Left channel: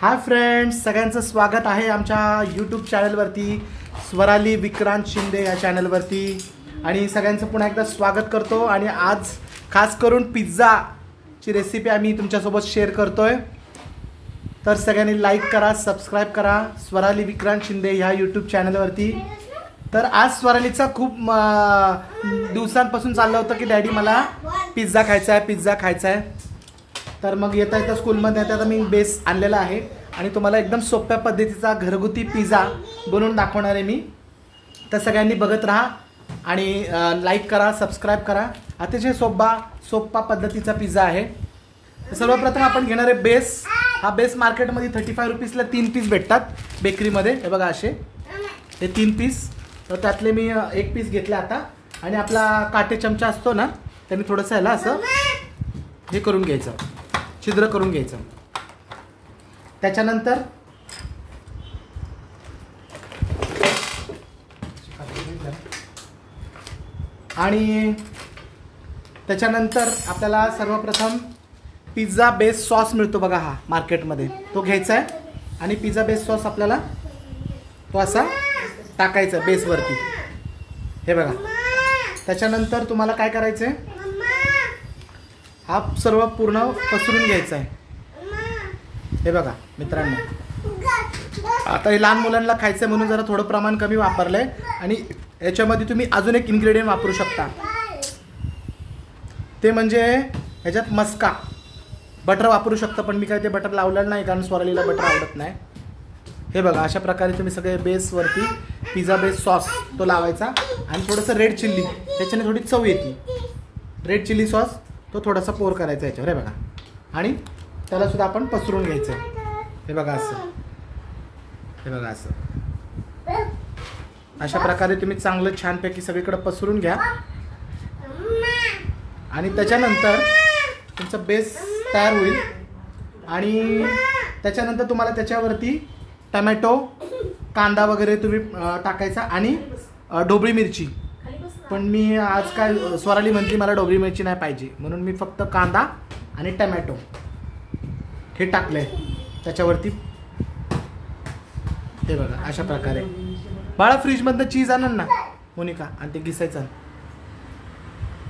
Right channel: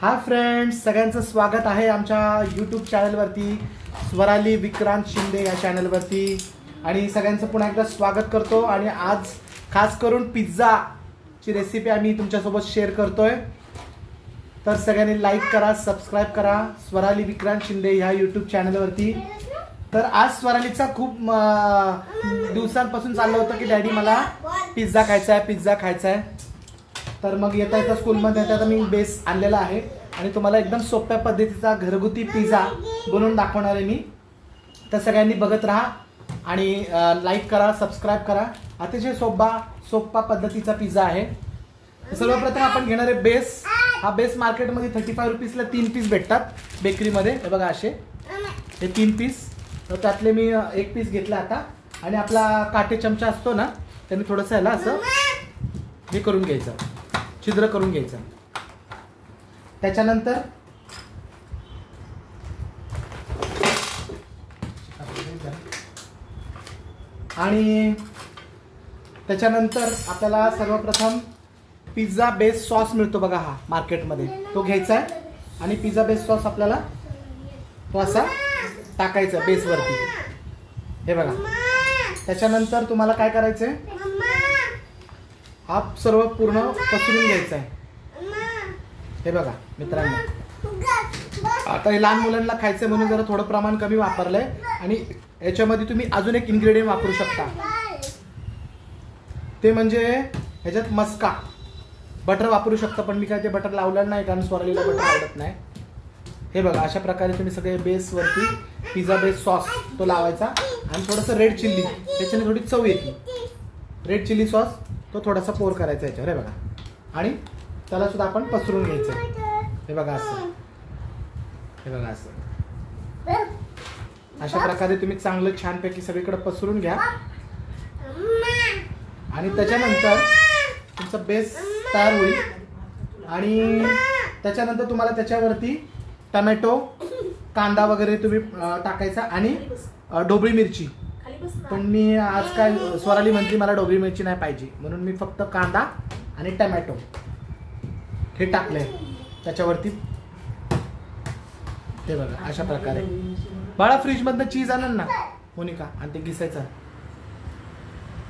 Hi friends, सगळ्यांचं स्वागत आहे आमच्या यूट्यूब चॅनलवरती, स्वराली विक्रांत शिंदे या चॅनलवरती. आणि सगळ्यांचं पुन्हा एकदा स्वागत करतो. आणि आज खास करून पिझ्झाची रेसिपी आम्ही तुमच्यासोबत शेअर करतोय. तर सगळ्यांनी लाईक करा, सबस्क्राईब करा स्वराली विक्रांत शिंदे ह्या यूट्यूब चॅनलवरती. तर आज स्वरालीचा खूप दिवसांपासून चाललं होतं की डॅडी मला पिझ्झा खायचा आहे. तर मग येता येता स्कूलमध्ये येता मी बेस आणलेला आहे आणि तुम्हाला एकदम सोप्या पद्धतीचा घरगुती पिझ्झा बनवून दाखवणार आहे मी. तर सगळ्यांनी बघत राहा आणि लाईक करा, सबस्क्राईब करा. अतिशय सोपा पद्धतीचा पिझ्झा आहे. सर्वप्रथम आपण घेणार आहे बेस. हा बेस मार्केटमध्ये 35 रुपीजला 3 पीस भेटतात बेकरीमध्ये. हे बघा असे हे 3 पीस. तर त्यातले मी 1 पीस घेतला आता. आणि आपला काटे चमचा असतो ना, त्यांनी थोडंसं ह्याला असं हे करून घ्यायचं, छिद्र करून घ्यायचं. त्याच्यानंतर आपल्याला सर्वप्रथम पिझ्झा बेस सॉस मिळतो बघा, हा मार्केटमध्ये तो घ्यायचा आहे. आणि पिझ्झा बेस सॉस आपल्याला तो असा टाकायचा बेसवरती. हे बघा. त्याच्यानंतर तुम्हाला काय करायचंय, हा सर्व पूर्ण पसरून घ्यायचा आहे. हे बघा मित्रांनो, आता हे लहान मुलांना खायचं म्हणून जरा थोडं प्रमाण कमी वापरलंय. आणि याच्यामध्ये तुम्ही अजून एक इन्ग्रेडियंट वापरू शकता, ते म्हणजे ह्याच्यात मस्का बटर वापरू शकता. पण मी काय ते बटर लावलेलं नाही, कारण स्वरालीला बटर आवडत नाही. हे बघा, अशा प्रकारे तुम्ही सगळे बेसवरती पिझ्झा बेस सॉस तो लावायचा. आणि थोडंसं रेड चिल्ली, त्याच्याने थोडी चव येते. रेड चिल्ली सॉस तो थोडासा पोर करायचा याच्यावर. हे बघा. आणि त्याला सुद्धा आपण पसरून घ्यायचं. हे बघा असं. हे बघा असं. अशा प्रकारे तुम्ही चांगलं छानपैकी सगळीकडे पसरून घ्या. आणि त्याच्यानंतर तुमचा बेस तयार होईल. आणि त्याच्यानंतर तुम्हाला त्याच्यावरती टमॅटो, कांदा वगैरे तुम्ही टाकायचा. आणि ढोबळी मिरची. पण मी आज काय स्वराली म्हणते मला ढोबळी मिरची नाही पाहिजे, म्हणून मी फक्त कांदा आणि टमॅटो हे टाकले त्याच्यावरती. हे बघा अशा प्रकारे. बाळा फ्रीज मधनं चीज आणन ना मोनिका, आणि ते घिसायचं.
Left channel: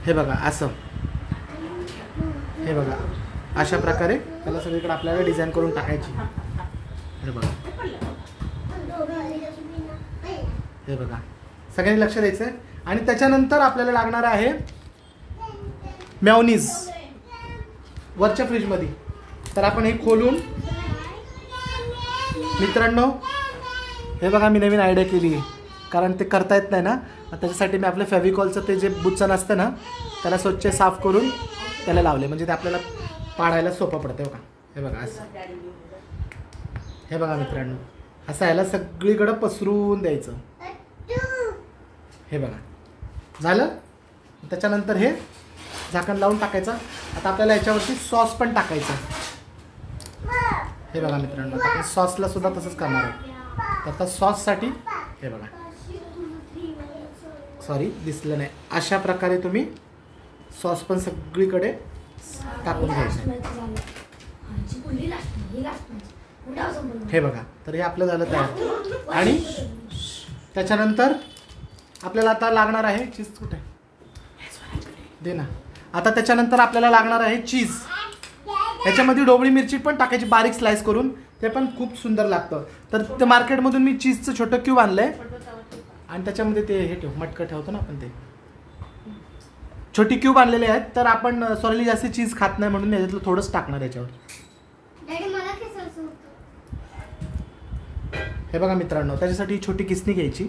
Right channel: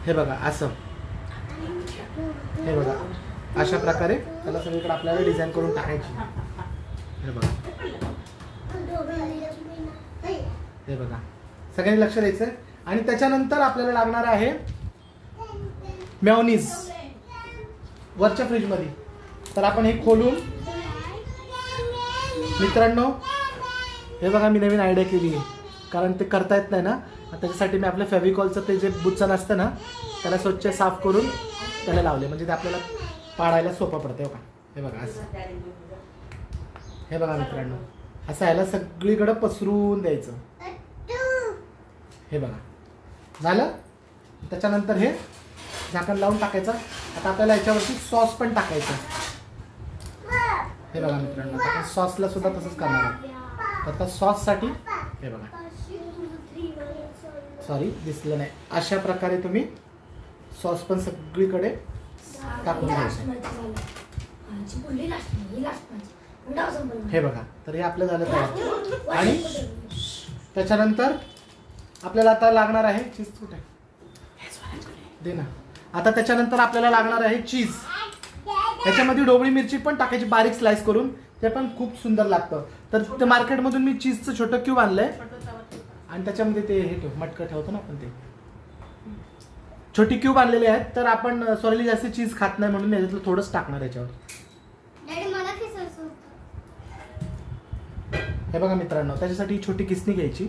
हे बघा असं. हे बघा अशा प्रकारे त्याला सगळीकडे आपल्याला डिझाईन करून टाकायची. हे बघा. हे बघा, सगळ्यांनी लक्ष द्यायचं. आणि त्याच्यानंतर आपल्याला लागणार आहे मेयोनीज वरच्या फ्रीज मध्ये. तर आपण हे खोलून, मित्रांनो हे बघा, मी नवीन आयडिया केली आहे, कारण ते करता येत नाही ना. त्याच्यासाठी मी आपल्या फेविकॉलचं ते जे बुच्चन असतं ना, त्याला स्वच्छ साफ करून त्याला लावले, म्हणजे ते आपल्याला पाडायला सोपं पडतं. हे बघा. हे बघा असं. हे बघा मित्रांनो, असं याला सगळीकडे पसरून द्यायचं. हे बघा झालं. त्याच्यानंतर हे झाकण लावून टाकायचं. आता आपल्याला याच्यावरती सॉस पण टाकायचा. हे बघा मित्रांनो, आपण सॉसला सुद्धा तसंच करणार आहे. आता सॉससाठी हे बघा, सॉरी दिसलं नाही, अशा प्रकारे तुम्ही सॉस पण सगळीकडे टाकून घ्यायचं. हे बघा. तर हे आपलं झालं तयार. आणि त्याच्यानंतर आपल्याला आता लागणार आहे चीज. कुठे दे ना. आता त्याच्यानंतर आपल्याला लागणार आहे चीज. त्याच्यामध्ये ढोबळी मिरची पण टाकायची बारीक स्लाइस करून, ते पण खूप सुंदर लागतं. तर ते मार्केटमधून मी चीजचं छोटं क्यूब आणलंय. आणि त्याच्यामध्ये ते हे ठेव, मटकं ठेवतो ना आपण, ते छोटी क्यूब आणलेले आहेत. तर आपण सॉरी जास्त चीज खात नाही म्हणून याच्यातलं थोडंच टाकणार याच्यावर. हे बघा मित्रांनो, त्याच्यासाठी छोटी किसणी घ्यायची.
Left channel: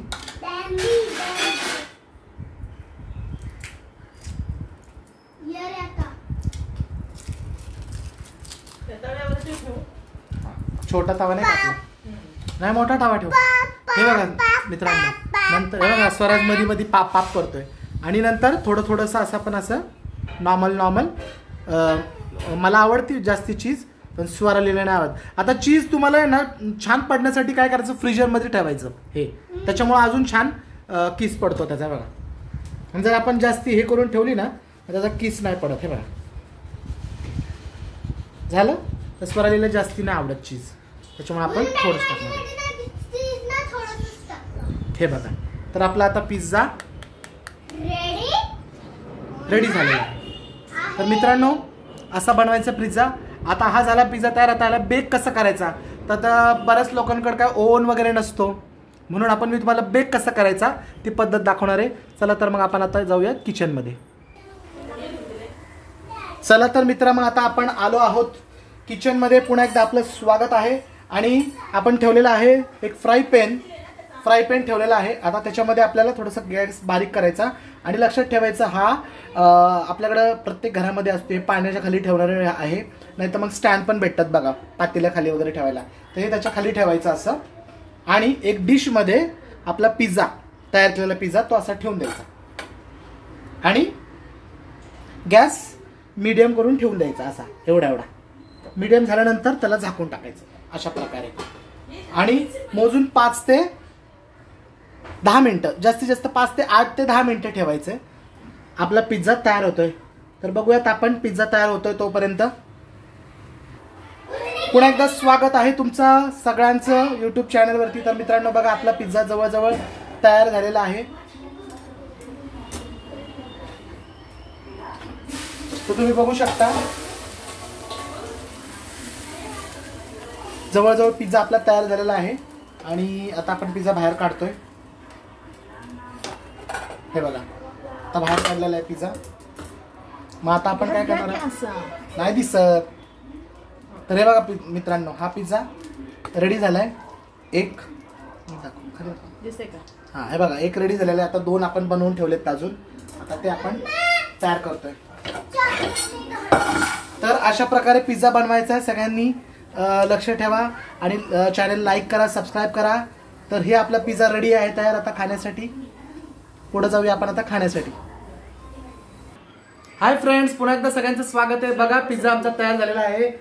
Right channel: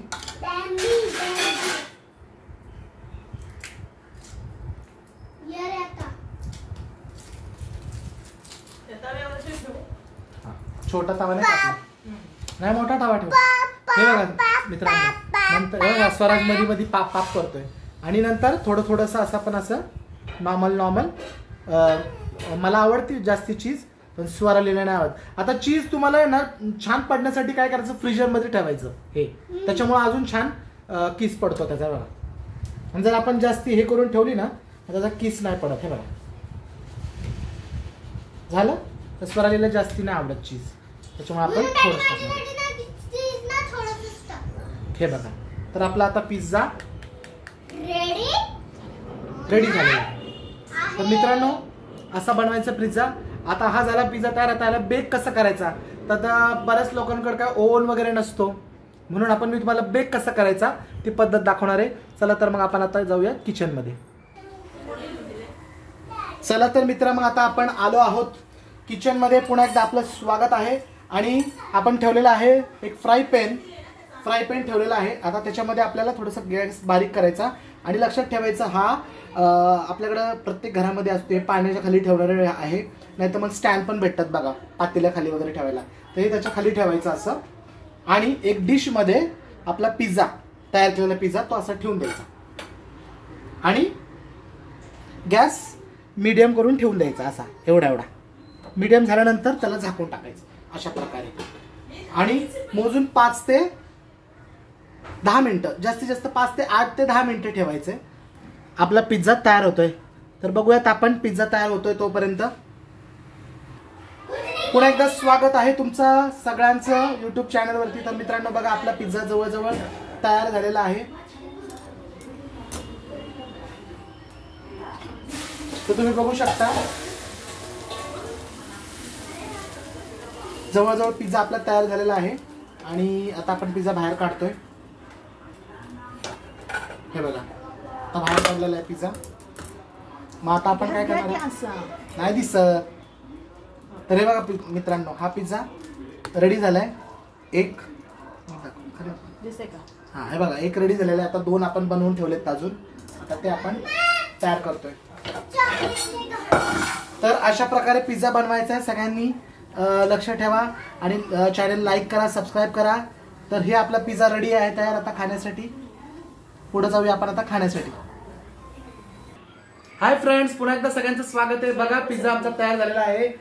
छोटा तवा नाही टाकला, नाही मोठा तवा ठेव. हे बघा मित्रांनो, नंतर हे बघा स्वराज मध्ये पाप पाप करतोय. आणि नंतर थोडंसं असं पण असं नॉर्मल मला आवडते जास्ती चीज, पण स्वरालीला नाही आवडत. आता चीज तुम्हाला ना छान पडण्यासाठी काय करायचं, फ्रीजरमध्ये ठेवायचं. हे त्याच्यामुळे अजून छान किस पडतो त्याचा. बघा, आणि जर आपण जास्ती हे करून ठेवली ना, त्याचा किस नाही पडत. हे बघा झालं. तर स्वरालीला जास्ती नाही आवडत चीज. त्याच्यामुळे आपण थोडंसं टाकणार. हे बघा, तर आपला आता पिझ्झा रेडी झालेला आहे. तर मित्रांनो, असा बनवायचा पिझ्झा. आता हा झाला पिझ्झा तयार. आता याला बेक कसं करायचा, तर बऱ्याच लोकांकडे काय ओव्हन वगैरे नसतो, म्हणून आपण मी तुम्हाला बेक कसं करायचा ती पद्धत दाखवणार आहे. चला तर मग आपण आता जाऊया किचनमध्ये. चला तर मित्र, मग आता आपण आलो आहोत किचनमध्ये. पुन्हा एकदा आपलं स्वागत आहे. आणि आपण ठेवलेलं आहे एक फ्राय पॅन ठेवलेला आहे. आता त्याच्यामध्ये आपल्याला थोडंसं गॅस बारीक करायचा. आणि लक्षात ठेवायचं, हा आपल्याकडं प्रत्येक घरामध्ये असते, पाण्याच्या खाली ठेवणारे आहे, नाही तर मग स्टँड पण भेटतात बघा पातेल्या खाली वगैरे ठेवायला, तर हे त्याच्या खाली ठेवायचं असं. आणि एक डिशमध्ये आपला पिझ्झा, तयार केलेला पिझ्झा तो असा ठेवून द्यायचा. आणि गॅस मीडियम करून ठेवून द्यायचा असा, एवढा मीडियम झाल्यानंतर त्याला झाकून टाकायचं अशा प्रकारे. आणि मोजून 5 ते 10 मिनिटं, जास्तीत जास्त 5 ते 8 ते 10 मिनिटं ठेवायचे. आपला पिझ्झा तयार होतोय. तर बघूयात आपण पिझ्झा तयार होतोय तोपर्यंत. पुन्हा एकदा स्वागत आहे तुमचं सगळ्यांचं युट्यूब चॅनलवरती. तर मित्रांनो बघा, आपला पिझ्झा जवळजवळ तयार झालेला आहे. तो तुम्ही बघू शकता, जवळजवळ पिझ्झा आपला तयार झालेला आहे. आणि आता आपण पिझ्झा बाहेर काढतोय. हे बघा, आता बाहेर काढलेला आहे पिझ्झा. मग आता आपण काय करणार, नाही दिसत. तर हे बघा मित्रांनो, हा पिझ्झा रेडी झालाय. एक दिसतंय का? हा, हे बघा, एक रेडी झालेला आहे. आता 2 आपण बनवून ठेवलेत अजून. आता ते आपण तयार करतोय. तर अशा प्रकारे पिझ्झा बनवायचा आहे. सगळ्यांनी लक्ष ठेवा आणि चॅनल लाईक करा, सबस्क्राईब करा. तर हे आपला पिझ्झा रेडी आहे तयार आता खाण्यासाठी. पुढे जाऊया आपण आता खाण्यासाठी. हाय फ्रेंड्स, पुन्हा एकदा सगळ्यांचं स्वागत आहे. बघा, पिझ्झा आमचा तयार झालेला आहे.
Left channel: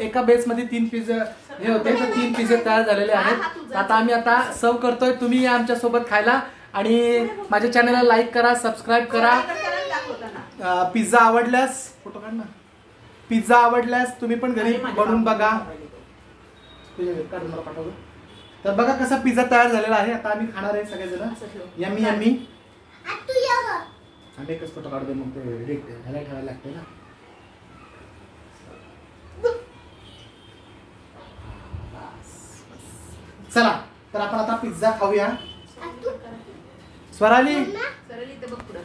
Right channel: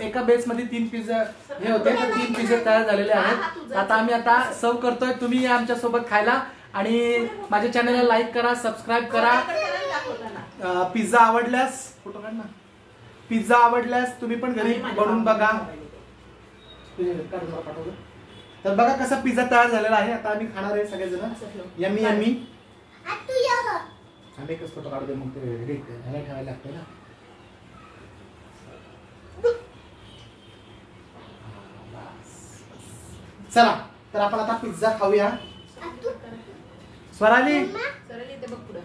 एका बेसमध्ये 3 पिझ्झा हे होते, तर 3 पिझ्झे तयार झालेले आहेत. आता आम्ही आता सर्व करतोय. तुम्ही या आमच्या सोबत खायला आणि माझ्या चॅनलला लाईक करा, सबस्क्राईब करा. पिझ्झा आवडल्यास पिझ्झा आवडल्यास तुम्ही पण घरी बनवून बघा. तर बघा कसा पिझ्झा तयार झालेला आहे. आता आम्ही खाणार आहे सगळेजण. Yummy yummy. एकच फोटो काढतो, मग ते एडिट ठेवायला लागतंय ना. चला तर आपण आता पिझ्झा खाऊया. स्वराली, बघ पुढं.